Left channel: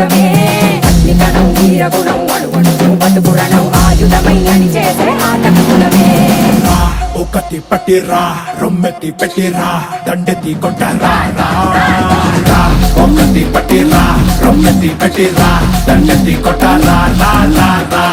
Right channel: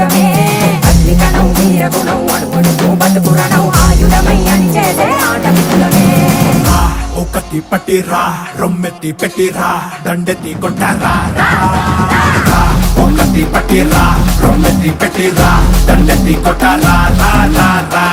ఆయుధమే అగ్నికణం వీరగుణం అణువణువు బతుకురణం ఆయుధమై అని చేసే ఆటవికులమే ఒకటి పట్టిరా రొమ్మెత్తి పెట్టిరా దండెత్తి కొట్టరా ఒకటి పట్టిరా రొమ్మెత్తి పెట్టిరా దండెత్తి కొట్టరా రా రా రా